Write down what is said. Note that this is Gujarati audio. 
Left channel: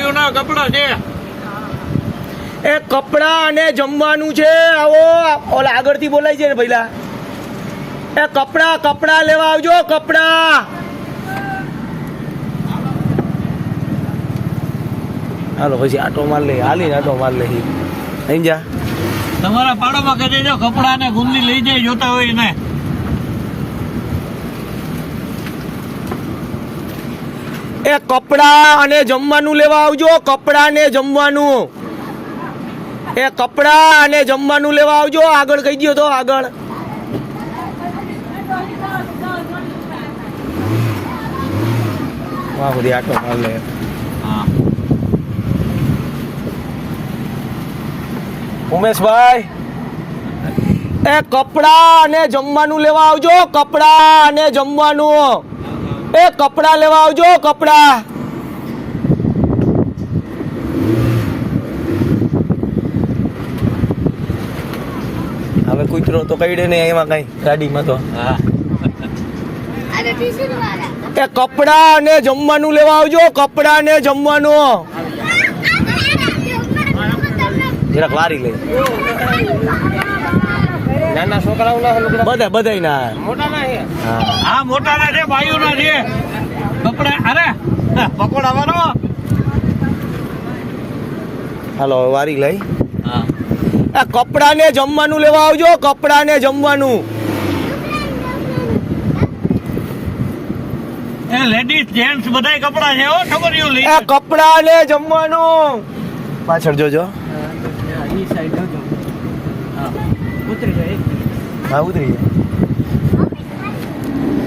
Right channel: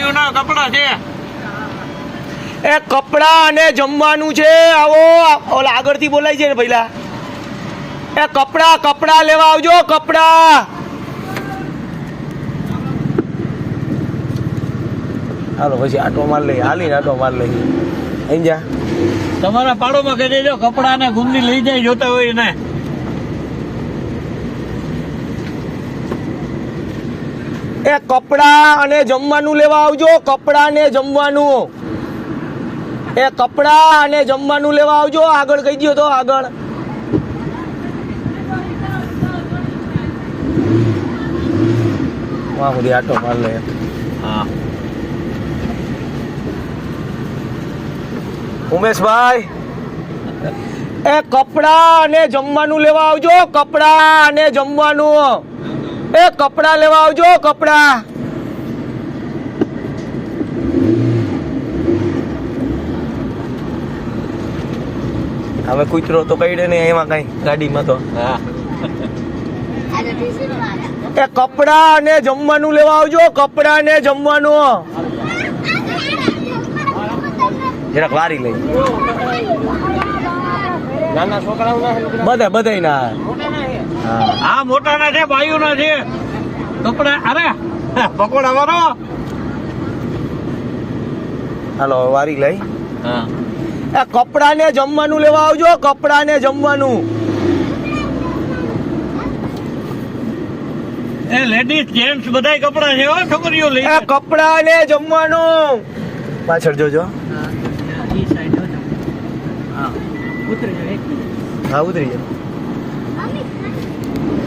ભાઈઓ ના કપડા છે. એ કપડા અને જમવાનું છે. આવો ઓલા આગળથી બોલાય છે ને પહેલા. એ કપડા લેવા આવજો. કપડા હાલો પછી આટો માર લઈ હાલીને આટો માર લઈ અહીં જા. તમારા પાડોમાં કહી દેજો કપડા ને ગુંદી લઈ જાય જોતા હોય ને. એ કપડા અને જમવાનું લેવા આવજો. કપડા ને જમવાનું. એ કપડા અને જમવાનું લેવા આવજો. આગળ કહી દો તો આગળ. વાહ બધી આટો માર લે. હા ઉમેશભાઈ એ કપડા અને જમવાનું લેવા આવજો. કપડા અને જમવાનું. એ કપડા લેવા આવજો. કપડા હવે કૂતરો તો કઈડે ને એમાં કઈ ગાડીમાં તો. હા એ કપડા અને જમવાનું લેવા આવજો. કપડા ને જમવાનું. જરાક વારી લઈ. નાના છોકરાઓ બધા ના હા મોટા ના છે ભાઈઓ ના છે કપડા. અરે પકોડા વાળો. હાલો વારી લઈ. હા આ કપડા ને જમવાનું લેવા આવજો. કપડા ને જમવાનું. એ લેડીઝ જેન્ટ્સ બધા કપડા છે હો છોકરીઓ લઈ. આ કપડા ને જમવાનું. પાછળ જોજો. હા ઉતરી જાય.